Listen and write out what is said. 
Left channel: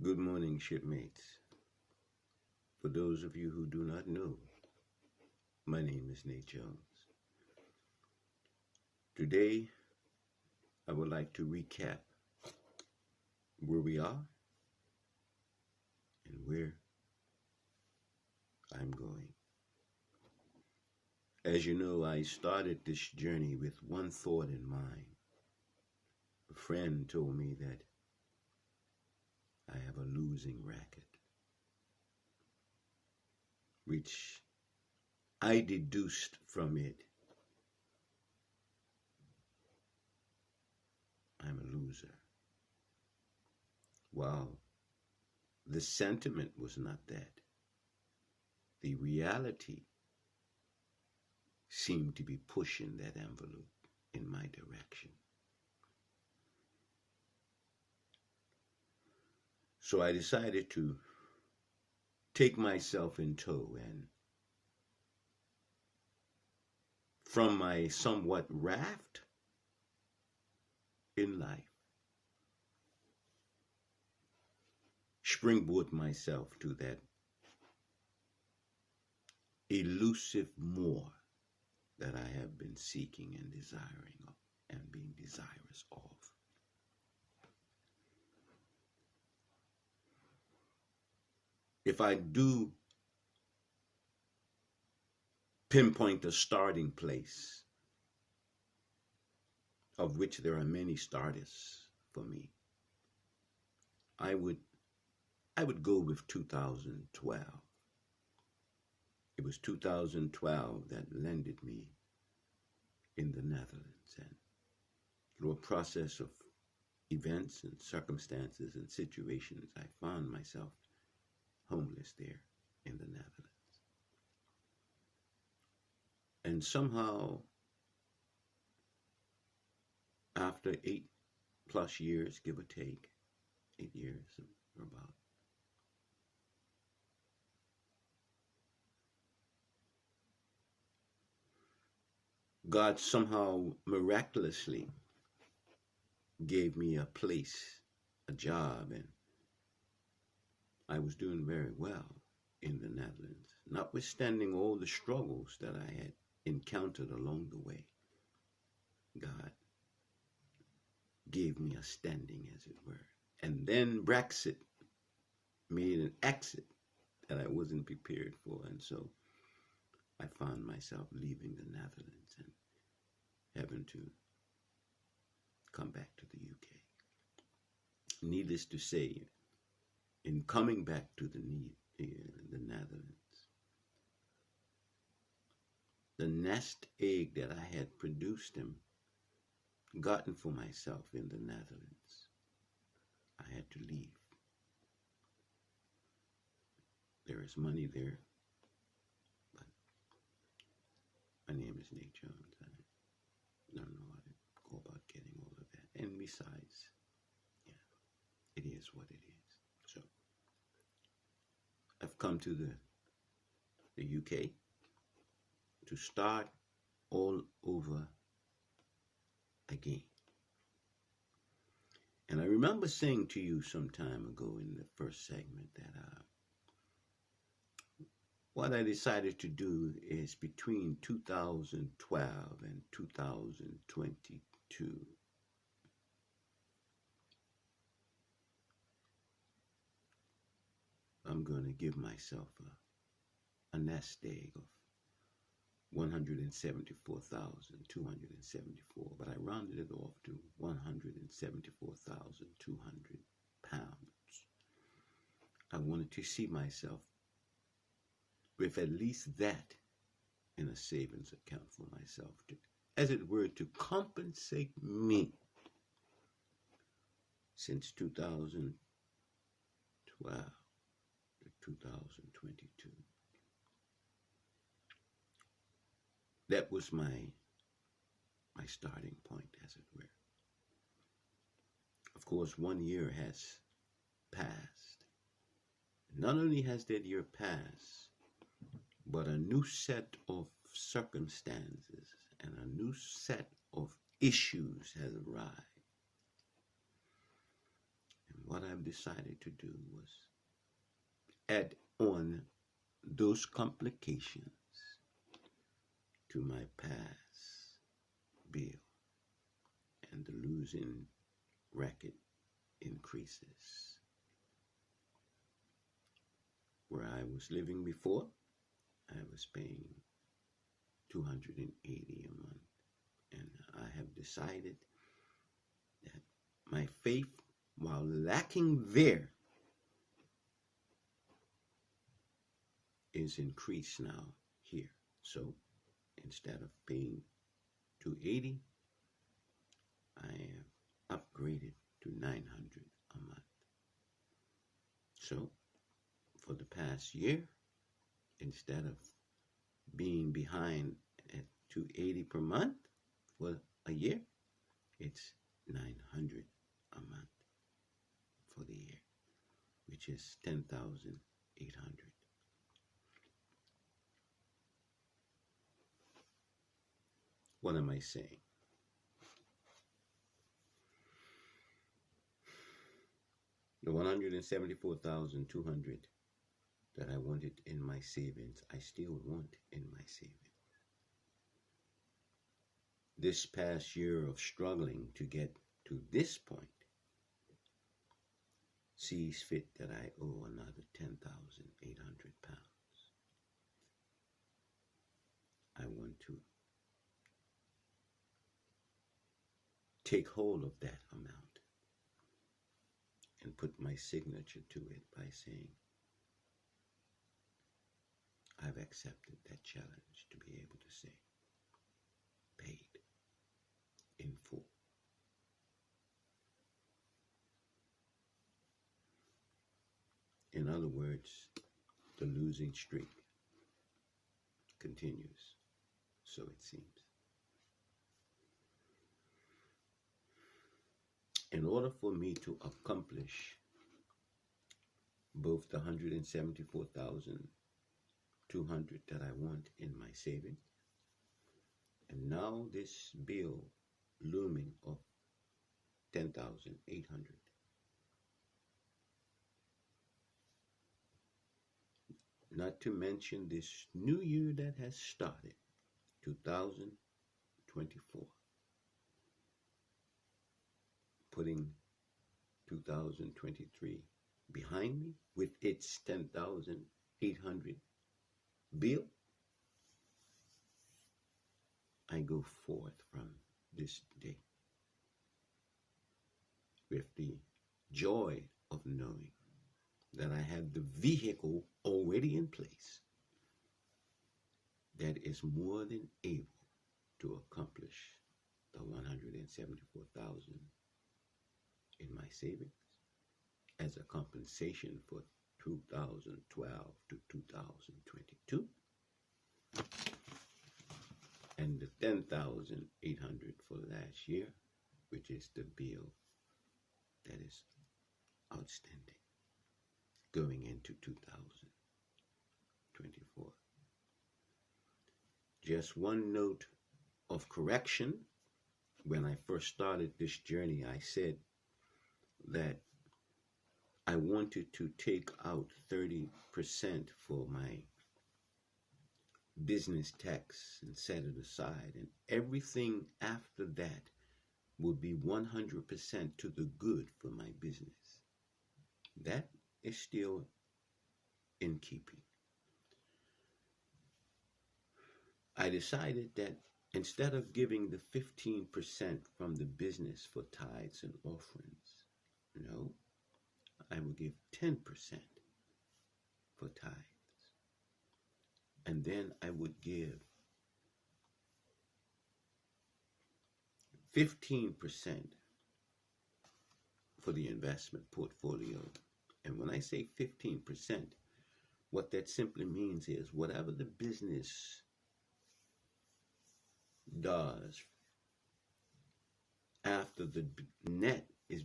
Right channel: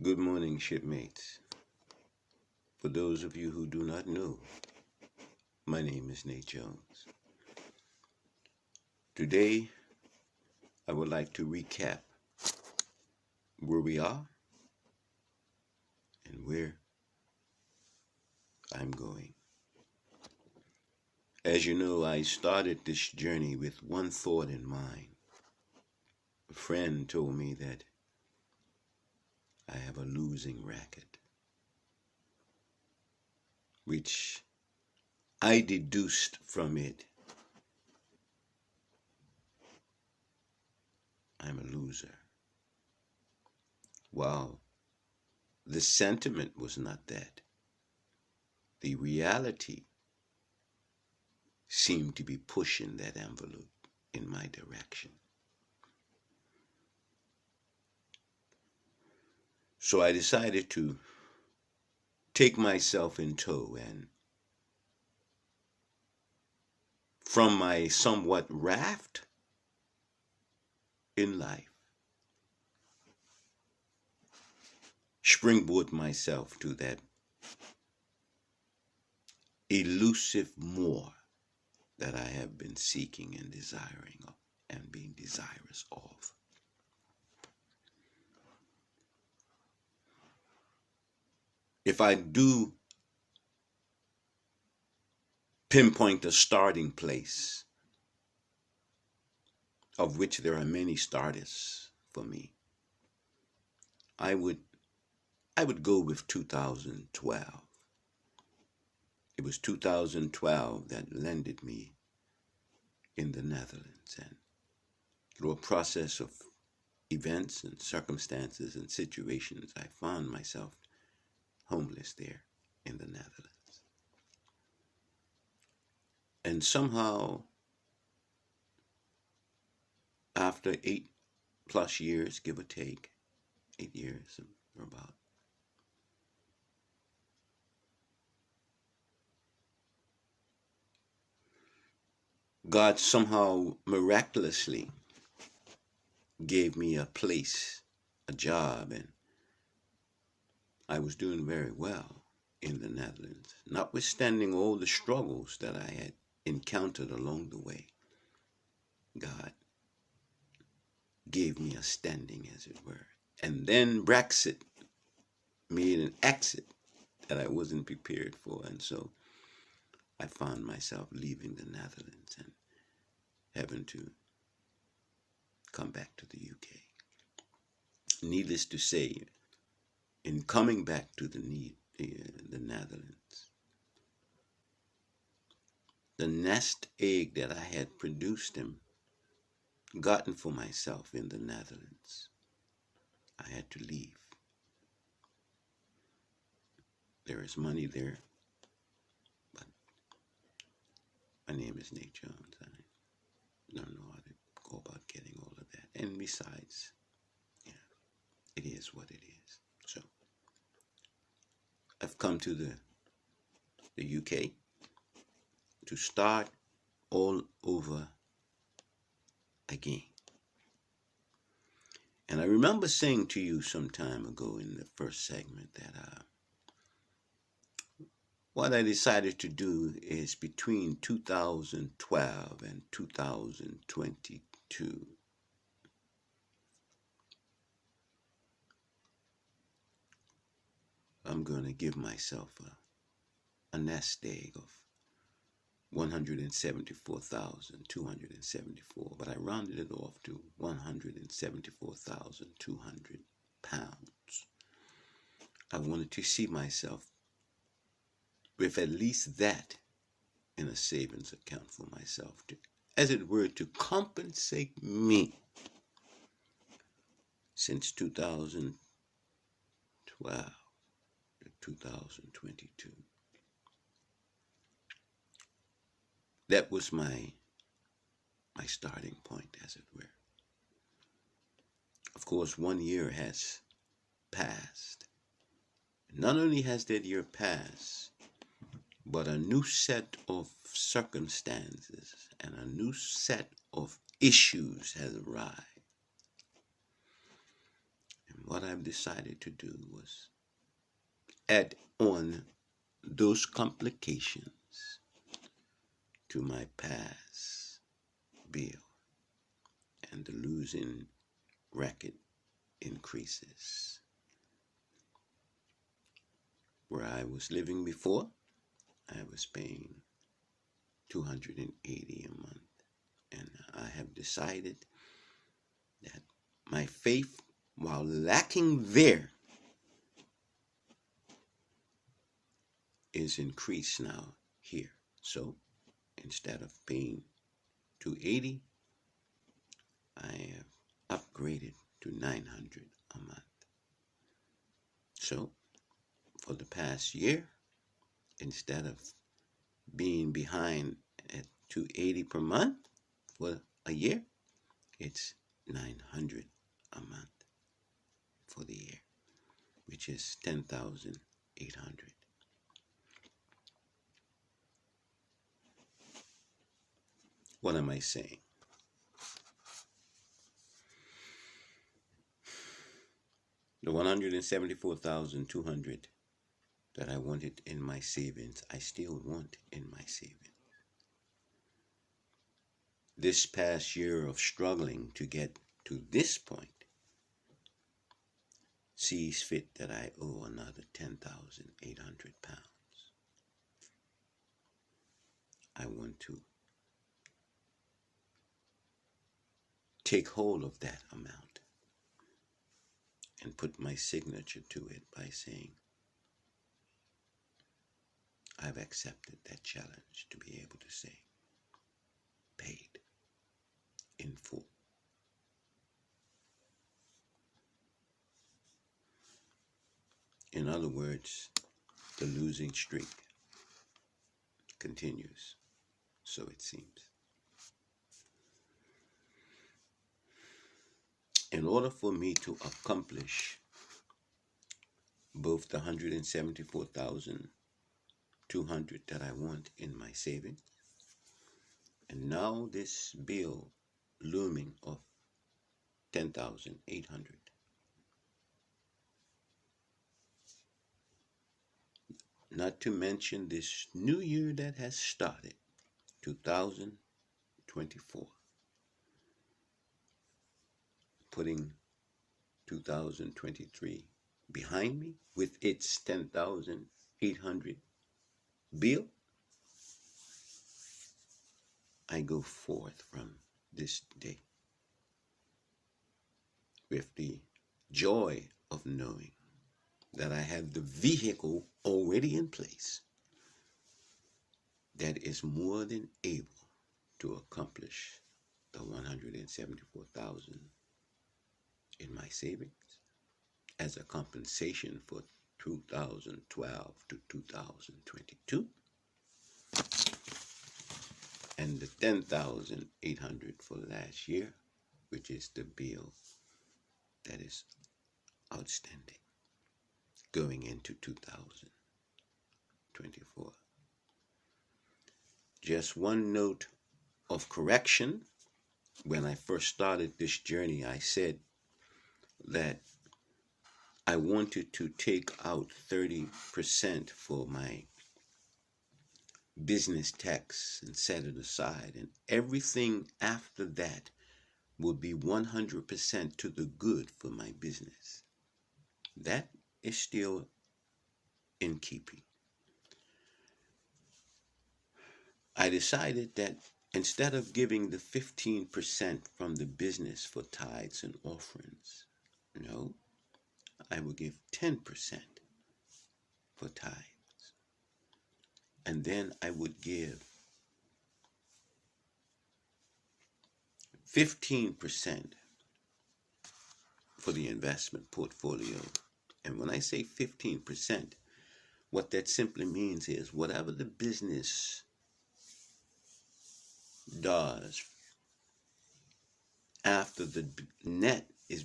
Good morning, shipmates. For those of you who do not know, my name is Nate Jones. Today, I would like to recap where we are and where I'm going. As you know, I started this journey with one thought in mind. A friend told me that I have a losing racket, which I deduced from it I'm a loser. Well, the sentiment was not that. The reality seemed to be pushing that envelope in my direction. So I decided to take myself in tow and, from my somewhat raft in life, springboard myself to that elusive more that I have been seeking and desiring of and being desirous of. If I do pinpoint a starting place, of which there are many starters for me, I would go with 2012. It was 2012 that landed me in the Netherlands, and through a process of events and circumstances and situations, I found myself homeless there in the Netherlands. And somehow, after 8+ years, give or take, 8 years or about, God somehow miraculously gave me a place, a job, and I was doing very well in the Netherlands, notwithstanding all the struggles that I had encountered along the way. God gave me a standing, as it were. And then Brexit made an exit that I wasn't prepared for, and so I found myself leaving the Netherlands and having to come back to the UK. Needless to say, in coming back to the Netherlands, the nest egg that I had produced and gotten for myself in the Netherlands, I had to leave. There is money there, but my name is Nate Jones. I don't know how to go about getting all of that. And besides, it is what it is. So I've come to the UK to start all over again. And I remember saying to you some time ago in the first segment that what I decided to do is between 2012 and 2022, I'm going to give myself a nest egg of 174,274, but I rounded it off to 174,200 pounds. I wanted to see myself with at least that in a savings account for myself, to, as it were, to compensate me since 2012 to 2022. That was my starting point, as it were. Of course, 1 year has passed. Not only has that year passed, but a new set of circumstances and a new set of issues has arrived. And what I've decided to do was add on those complications to my past bill, and the losing record increases. Where I was living before, I was paying $280 a month, and I have decided that my faith, while lacking there, is increased now here. So instead of paying $280, I have upgraded to $900 a month. So for the past year, instead of being behind at $280 per month for a year, it's $900 a month for the year, which is $10,800. What am I saying? The $174,200 that I wanted in my savings, I still want in my savings. This past year of struggling to get to this point sees fit that I owe another £10,800. I want to take hold of that amount and put my signature to it by saying, I've accepted that challenge to be able to say, paid in full. In other words, the losing streak continues, so it seems. In order for me to accomplish both the $174,200 that I want in my savings, and now this bill looming of $10,800, not to mention this new year that has started, 2024, putting 2023 behind me with its $10,800 bill, I go forth from this day with the joy of knowing that I have the vehicle already in place that is more than able to accomplish the $174,000 in my savings as a compensation for 2012 to 2022, and the $10,800 for last year, which is the bill that is outstanding going into 2024. Just one note of correction. When I first started this journey, I said that I wanted to take out 30% for my business tax and set it aside, and everything after that would be 100% to the good for my business. That is still in keeping. I decided that instead of giving the 15% from the business for tithes and offerings, no, I will give 10% for tithes. And then I would give 15% for the investment portfolio. And when I say 15%, what that simply means is whatever the business does after the net is